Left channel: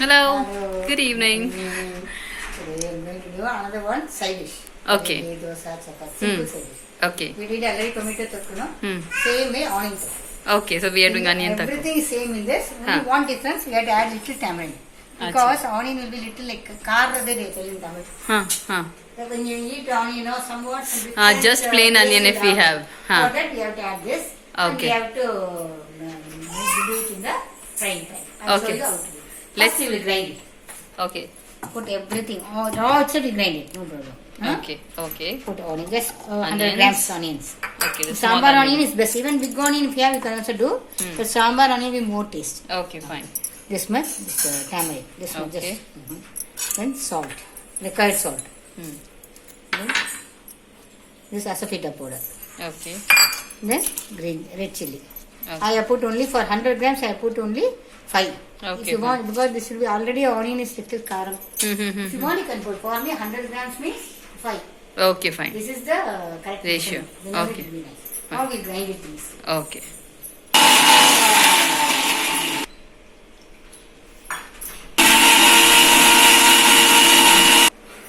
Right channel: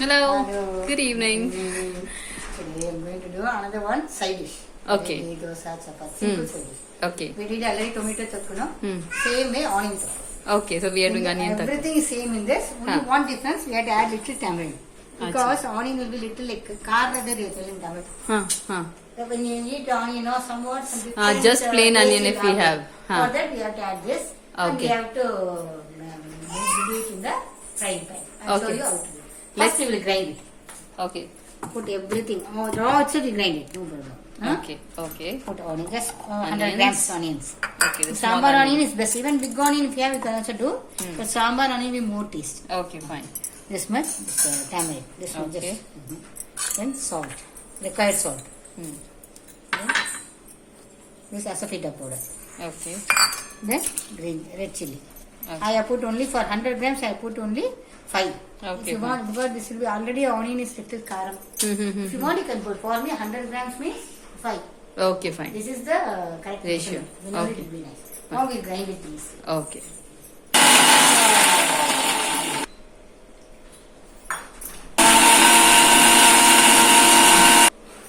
Hello. Hello. Good evening. Today I'm going to do another one side dish. Okay. Idli, Dosa, Chapati. Simple side dish. Okay. We did already tomato thokku, no? Hmm. Same way onion thokku. Okay. So we are doing onion thokku. Everything is same in this. Only one difference, we have to add little tamarind. Because onion will be little like karade they tell in Tamil. Huh. So when you eat onion, you know, somewhat some different, Just plain taste onion will if we happen. have. For that we have to add this. And we Okay. have to do it in the frying pan. I'll show Okay. you how to do it. Let's- First we will grind it. Okay. Put everything. Raw itself we grind it. No problem. Huh? Okay. Put onion. Just 100 Onions. grams onions. Okay. The small Sambar onion onion. is best. Even big onion if you have, you can also do. The sambar onion will be more taste. Okay. Fine. This much, this tamarind. This much Okay. just. Then salt. Required salt. Hmm. Then this Asafoetida powder. Okay. Then red chili. Okay. I have put only for 100 grams. I have put only 5. Okay, If you want, because this will be already onion is little karam. If you want, you can put. For me, 100 grams means 5. Okay. Fine. This is the correct Ratio. measurement. Then only Okay. it will be nice. Now we grind it please. Okay.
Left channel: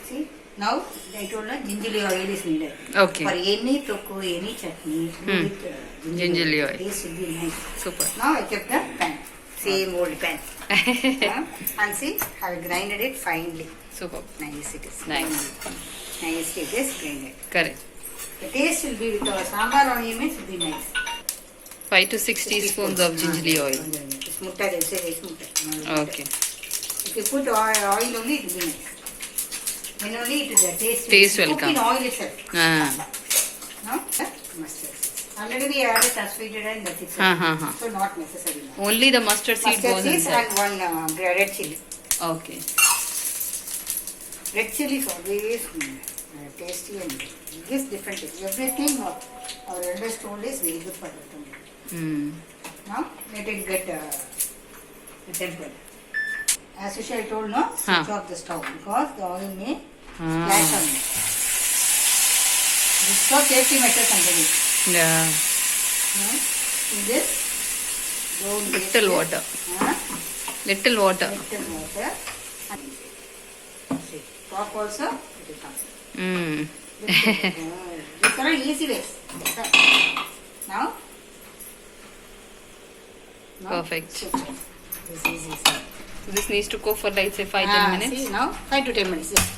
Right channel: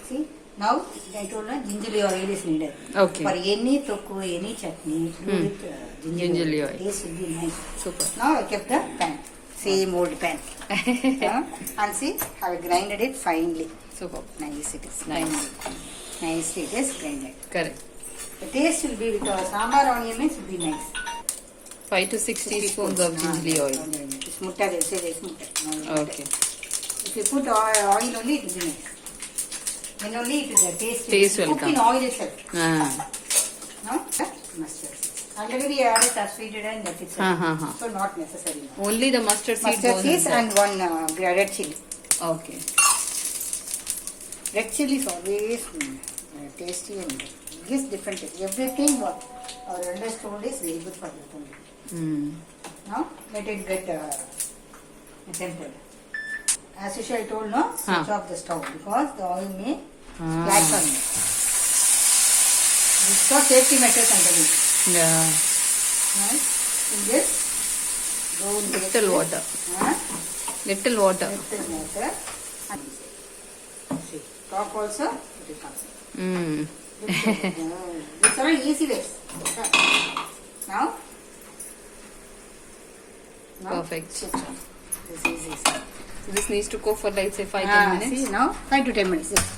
See, now I told you gingelly oil is needed. Okay. For any thokku, any chutney, do with Gingelly oil. Taste will be nice. Super. Now I kept the pan, same old pan. And see, I have grinded it finely. Super. Nice it is. Nice. Nice it is grinded. Correct. The taste will be with our sambar onion means will be nice. 5 to 6 teaspoons of gingelly oil. It's mutta, they say it's mutta. Okay. If you put oil only, it will be nice. Then only it is the Taste will cook in come. oil itself. Ah. No? Mustard. Already we added Asafoetida and that is Ha. so not necessary. Now. Only the mustard seed Mustard goes seeds inside. and one red chili. Okay. Red chili is always tasty and gives different taste. Everything what our elders told is very good for the tummy. Hmm. Now let it get tempered. As usual I told no, switch off the stove because the oil may splash on it. This for safety measures underneath. Yeah. Now, in this, go in Little this, water. huh? Little water. Little water. And see, top also it will come. Hmm. These are easy ways. Now, Perfect. switch off. This is easy. So this needs to cook for like say 5-10 minutes. See now, 5 to 10 minutes. Yes.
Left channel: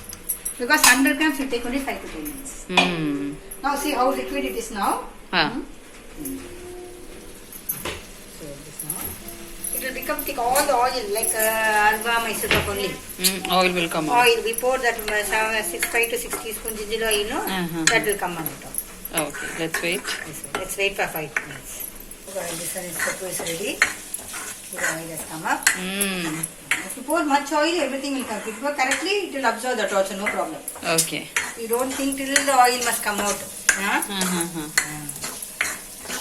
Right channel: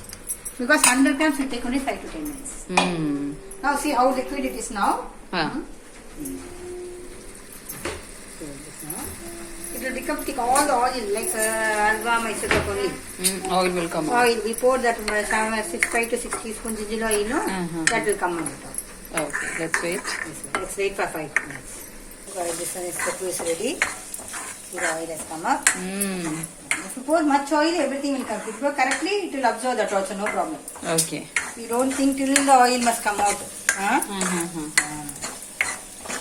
Because 100 grams will take only 5 to 10 minutes. Hmm. Now see how liquid it is now. Ah. So this now. It will become thick. All the oil like alga, Mysore only. Oil will come out. Oil. We pour that 5 to 6 teaspoons gingelly oil. No? That will come out. Okay. Let's wait. Let's wait for 5 minutes. So this one is Thokku is ready. See the oil has come up. Hmm. If you pour much oil, everything will come. If you pour correctly, it will absorb that also, no problem. Okay. You don't think till the oil must come out. Huh?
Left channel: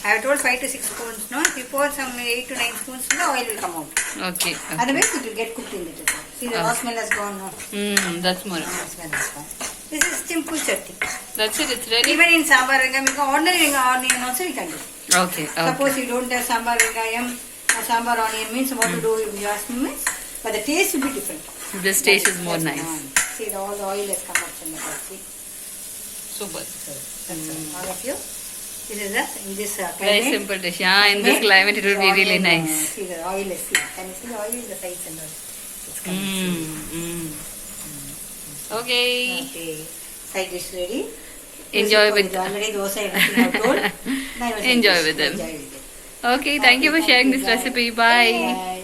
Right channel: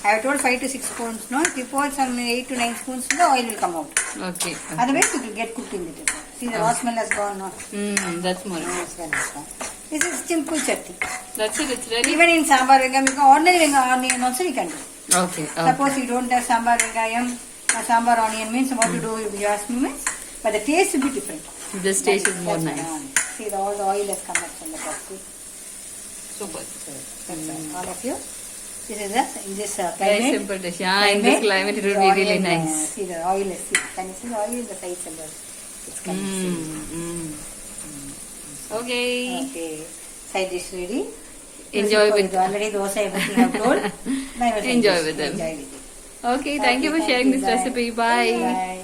I have told 5 to 6 spoons, no? If you pour some 8 to 9 spoons, the oil will come out. Okay. Otherwise, it will get cooked in little. See, the raw smell has gone. No? That's more. This is simple chutney. That's it. It's ready. Even in sambar vengayam, ordinary onion also we can do. Okay. Suppose you don't have sambar vengayam, sambar onion means what to do if you ask me means, but the taste will be different. This taste is more That's nice. See, all the oil has come up from the top. See? Super. All of you. This is in this Very climate. simple dish. Yeah, in this climate it will be really nice. See the oil is see. Can you see the oil in the sides and all? It's coming. Okay. Okay. Side dish ready. Enjoy with already dosa everything I've told. Now Enjoy with them. Enjoy with it. Okay, thank you for sharing this Bye. recipe. Bye. Bye.